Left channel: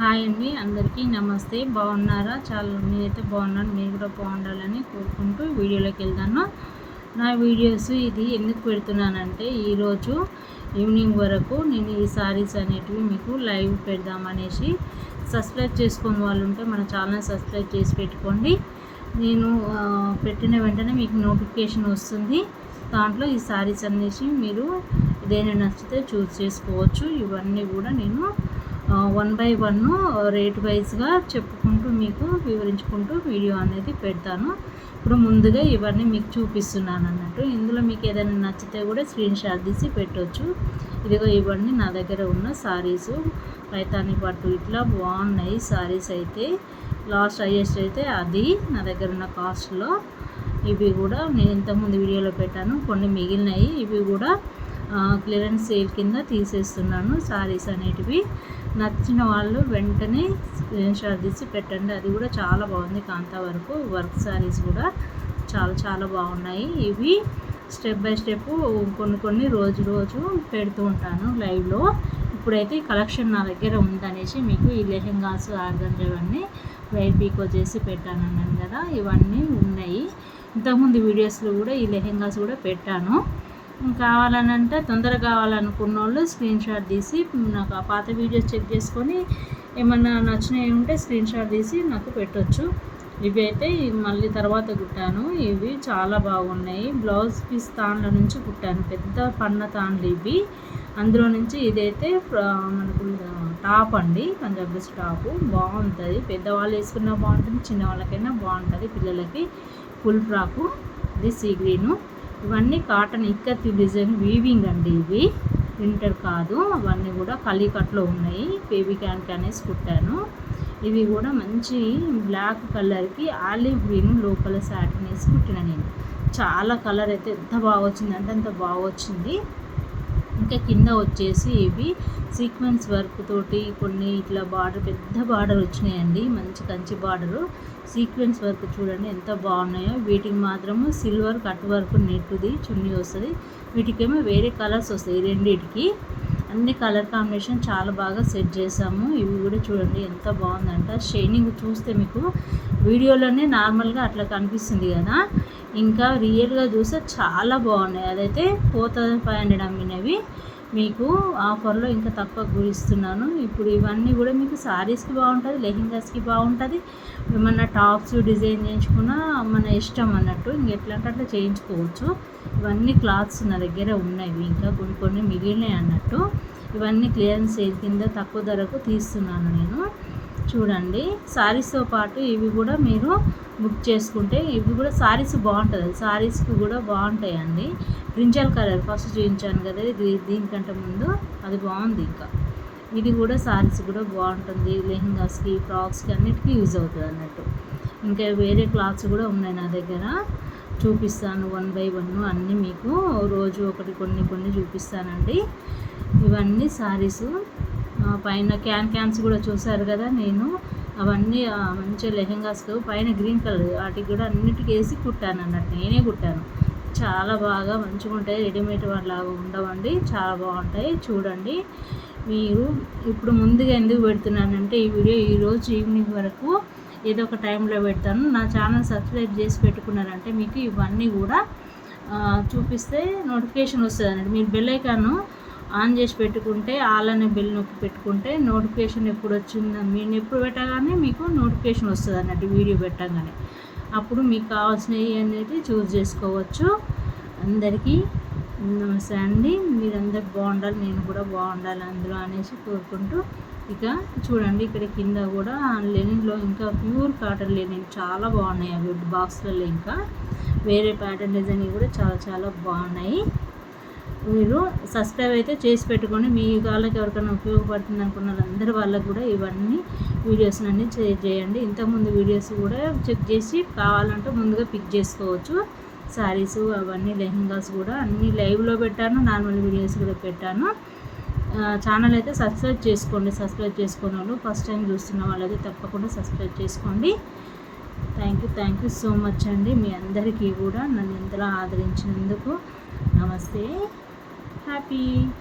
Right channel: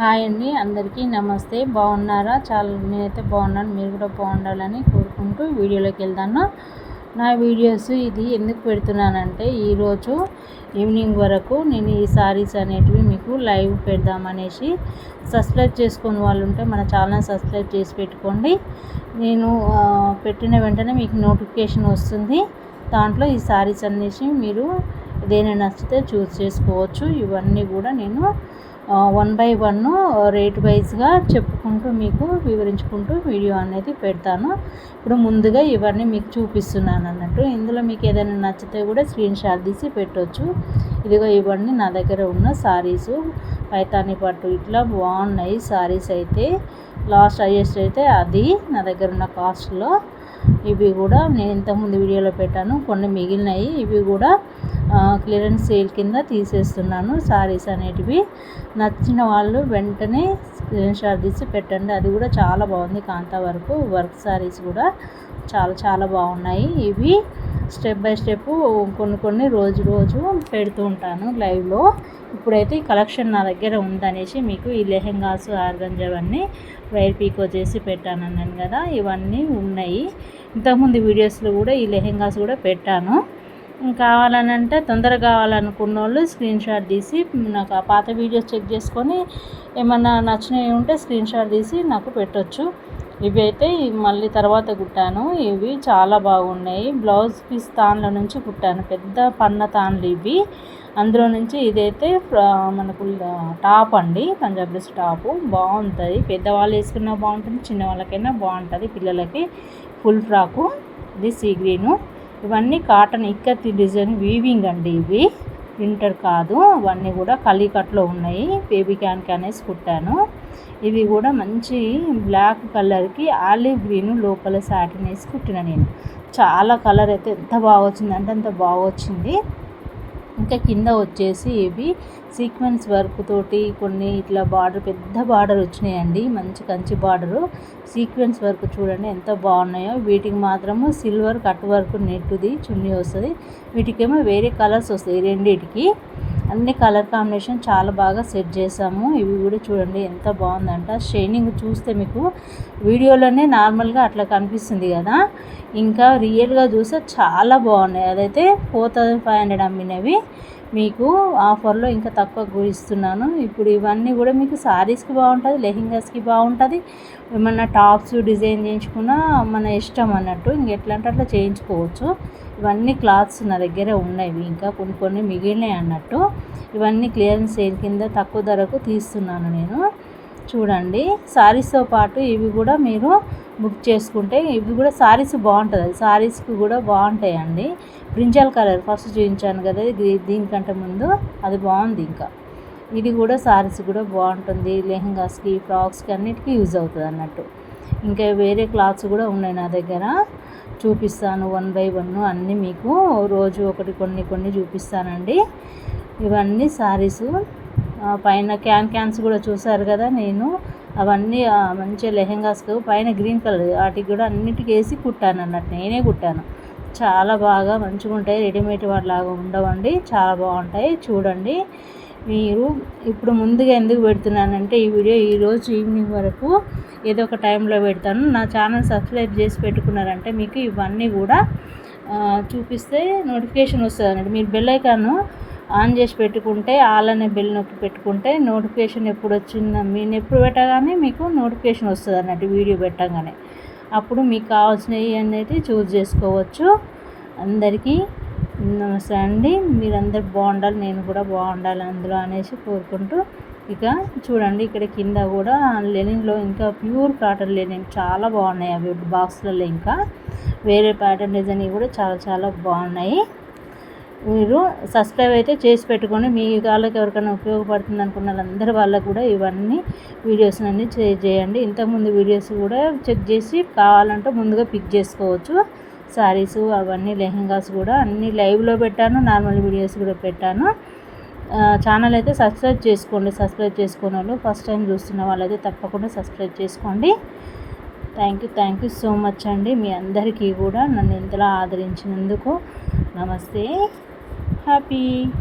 Hi అండి అందరికీ నమస్తే. బాగున్నారా? చాలా నేనైతే బాగున్నాను. మీరు కూడా బాగుండాలని కోరుకుంటూ వీడియోలోకి వెళ్తాను నా వీడియోస్ ఇది ఎందుకు పెడుతున్నానంటే ఈరోజు ఈవినింగ్ వరకు నేను ఈ సారీస్ అనేటివి మీకు లైవ్ పెడదామనేసి సబ్స్క్రైబ్ చేసుకుని వాళ్ళు ఉంటే మన ఛానల్ సబ్స్క్రైబ్ చేసి పెట్టుకోండి. నేను పెట్టిన వెంటనే మీకు నోటిఫికేషన్ వస్తుంది. దాంట్లో ఈ సారీస్ అనేసి మీరు ఏదైనా నచ్చితే చూస్ చేసుకోవచ్చు. ఇవన్నీ కూడా నేను వన్ బై వన్ రేట్ వైజ్గా చెప్పుకుంటూ మీకు వివరించుకుంటూ వీడియో అనేది పెడతాను. ఇప్పుడు ముందుగా ఇవన్నీ మీకు చూపిస్తున్నాను అన్నట్టు. ఇందులో మీకు ఏదైనా నచ్చితే కూడా స్క్రీన్ షాట్ తీసి పెట్టవచ్చు ఇదిగో ఇవన్నీ నా దగ్గర ఉన్న సారీస్ పైతాని పట్టు ఇట్లా బాగున్నాయి సారీస్ అయితే. లాస్ట్ హైయెస్ట్ అయితే అది నా దగ్గర ఉన్న కాస్ట్లో ఇవి కూడా నేను ఇంతకుముందు వీడియోలో పెట్టాను. కొన్ని మిగిలినాయి. ఇవి కూడా క్లియరెన్స్ సేల్ కింద తీసేస్తున్నాను. సారీస్ అనేటివి నచ్చిన వాళ్ళు వెంటనే స్క్రీన్ షాట్ తీసి పెట్టండి. అది కూడా చాలా బాగుంది కాంతా వరకు. వర్క్ సారీస్ కూడా చాలా చాలా బాగున్నాయి. ఇవి స్టెప్ బై స్టెప్ కొన్ని కొన్ని రోజు రోజు పెడుతూ ఉంటాను లైవ్లో ఇప్పుడైతే ఈ కలెక్షన్ నా దగ్గర ఉందనేసి మీకు ఈ లెహెంగాస్ ఆర్గంజవన్నీ వైర్ పీకో చేసి పెట్టాను అన్నాను కదా. ఇవన్నీ ఉన్నాయి. ఇంతకుముందు వీడియోస్లో కూడా ఈ లెహెంగాస్ కూడా పెట్టాను. కావాలని అంటే తొందరగా కావాలనుకున్న వాళ్ళు స్క్రీన్ షాట్ తీసి నాకు ఆ పాత వీడియోస్ చెక్ చేసుకొని ఏమన్నా నచ్చినవి ఉంటే స్క్రీన్ షాట్ తీసి నాకు పెట్టొచ్చు. ఇవి అయితే మళ్ళీ తర్వాత కుట్టాను. ఇవి చాలా బాగున్నాయి. బ్లౌజ్ పీస్ తాన్ల నుంచి కుట్టాను. పెద్ద పన్న తాన్లు ఇవి. అందులో నుంచి ఇదైతే మనకు టాప్ అండి. Punjab dress top. బాగుంటుంది. పెద్దవాళ్ళు వేసుకున్నా బాగుంటుంది. చిన్నవాళ్ళకైనా బాగుంటుంది. పిల్లలకి ఫుల్ ఫ్రాకు. ఇది సీ గ్రీను. ఇవన్నీ కాటన్ ఇక్కత్తి డిజైన్ వీవింగ్ అండి ఇవి. ప్రింటర్ కాదు. అవన్నీ కూడా కలీకట్లో ఉన్నాయి. బేబీ క్యాన్ అనేసి కుట్టాను. ఇవి కూడా మంచి బ్లాక్ కలర్కి ఆలివ్ గ్రీన్ లోపల సాటిన్ వేసి కుట్టిన నేను. చాలా కలర్ అయితే ఎంత బాగా వచ్చిందంటే అంత బాగా వచ్చింది ఇంకా కింద వచ్చేసి ఇవి సీక్వెన్స్ వర్క్ తోటి కొన్ని ఇట్లా బార్డర్ పెద్ద బార్డర్ వచ్చినాయండి. మంచి కంచి బార్డరు. సీక్వెన్స్ వర్క్ చూడండి ఎంత బాగున్నాయో. వీటికి మాత్రము సిల్వర్ కట్ వర్క్ నెట్టుది చున్నీ వస్తుంది. వీటికేమో వేరే కలర్స్ వస్తాయి రెండింటికి. అన్ని కలర్ కాంబినేషన్ చాలా బాగా సెట్ చేసాము. ఇవి కూడా చూడండి ఎంత బాగుందంట. షైనింగ్ చూస్తే మీకు వీడియోలోనే నార్మల్గా అట్లా కనిపిస్తుంది కదా. ఇంకా రియల్గా చూస్తే చాలా బాగున్నాయి. అదైతే ఫోర్ థౌజండ్ ఫైవ్ హండ్రెడ్ అమ్మినవి. మీకు ఆఫర్లో ఇంకా తక్కువ ఇస్తున్నాను ఇప్పుడు ఇవన్నీ కూడా మీకు శారీస్కి బాగుంటుంది లెహింగాస్కి బాగుంటుంది. ఏమన్నా టాప్స్ డిజైన్ చేయించుకున్నా మన ఇష్టం అన్నట్టు ఇంక ఎట్లా అంటే అట్లా చేయించుకోవచ్చు. ఇవన్నీ క్లాత్స్ నా దగ్గర ఉన్నాయి ఇంకా కొన్ని కొన్ని మిగిలినాయి అన్నట్టు. ఇవన్నీ క్లియరెన్స్ సేల్ కింద తక్కువ ధరకు తీస్తున్నాను నేను. చూడండి. శారీస్తో పాటు ఇవి కూడా మీరు బుక్ చేసుకుంటే ఇవి కూడా శారీస్ బాగుంటుంది. శారీస్కి కూడా బాగుంటాయండి. బ్రింజాల్ కలర్ ఫస్ట్ చూపించాను కదా ఇది దీనికంటే ముందు అది బాగుంది ఇంకా. ఇది కూడా శారీస్ కూడా బాగుంటుంది. లెహంగాస్కి ఫ్రాక్స్కి అన్నిటికీ యూజ్ అవుతుంది అన్నట్టు. ఇంకా వేరే క్లాత్స్ కూడా ఉన్నాయి నా దగ్గర. చూపిస్తాను వన్ బై వన్ అన్నీ మీకు. రోజు ఒకటి కొన్ని కొన్ని చూపిస్తానండి. ఇవన్నీ శారీసు పైన క్యాన్ క్యాన్స్ కూడా చూసారు కదా నేను. అవన్నీ మంచిగా లెహెంగాస్ పైన గ్రీన్ కలర్. వాటికి కూడా అన్నిటికీ వేసి కుట్టాను అన్నట్టు. నేనే కుట్టాను. చాలా బాగా మంచిగా ఉంటాయి. రెడీమేడ్ లాగా ఉండవండి. చాలా బాగుంటాయి. చూడండి. మీరు ఇప్పుడు ముందుగా ఎందుకు పెడుతున్నానంటే ఈ వీడియో ఈరోజు ఈవినింగ్ వరకు ఏదో ఒక టైంలో పెడతాను. నా ఛానల్ సబ్స్క్రైబ్ చేసి పెట్టుకున్నారంటే మీకు ఇవన్నీ కూడా చూపిస్తే నోటిఫికేషన్ వస్తుంది అన్నట్టు. మీరు బెల్ ఐకాను ఆన్ చేసి పెట్టుకుంటే ఆల్ బెల్ నొక్కి పెట్టుకుంటే నోటిఫికేషన్ ఎప్పుడు వచ్చిందో మీరు ఎప్పుడు పెట్టగానే మీకు నోటిఫికేషన్ వస్తుంది అన్నట్టు వీడియో పెట్టగానే. అప్పుడు మీకు కావాల్సినవి అనేది చూస్ చేసుకోవచ్చు. అందరికీ నమస్తే అండి. మీరందరు బాగుండాలి నేను కూడా బాగుండాలి అందులో అనేసి కోరుకుంటూ ఇక చూడండి ఇక్కడ కింద కూడా లెనిన్లో ఇంకా ప్యూర్ కాటన్ లెనిన్ చాలా బాగున్నాయి అవి బాక్స్లలో ఇంకా. వేరే ప్యాటర్న్ డిజైన్ కూడా చాలా చాలా బాగున్నాయి. మీరు సబ్స్క్రైబ్ అయితే చేసి పెట్టుకొని మీ వాళ్ళకి ఎవరికైనా ఉపయోగపడుతుంది అనుకున్న అందరి వాళ్ళకు కూడా ఇవన్నీ వీడియోస్ అన్ని చేయండి. ఇంతకుముందు వీడియోస్ కూడా చెక్ చేసి కావాలంటే ముందుగా పిక్ చేసుకోవచ్చు. శారీస్ అవన్నీ లెహెంగాస్ కూడా అన్నీ లైవ్లో పెట్టాను. నార్మల్ వీడియోస్ కూడా పెట్టాను. ఛానల్ అయితే సబ్స్క్రైబ్ చేసుకోండి. సబ్స్క్రైబ్ చేసుకునే వాళ్ళు ఫస్ట్ టైం చూస్తున్న వాళ్ళైతే తప్పకుండా సబ్స్క్రైబ్ చేసుకోండి. Thank you thank you so much అండి. మీ అందరికీ కూడా నన్ను ఎంతలా ఆదరించినందుకు నమస్తే. happy.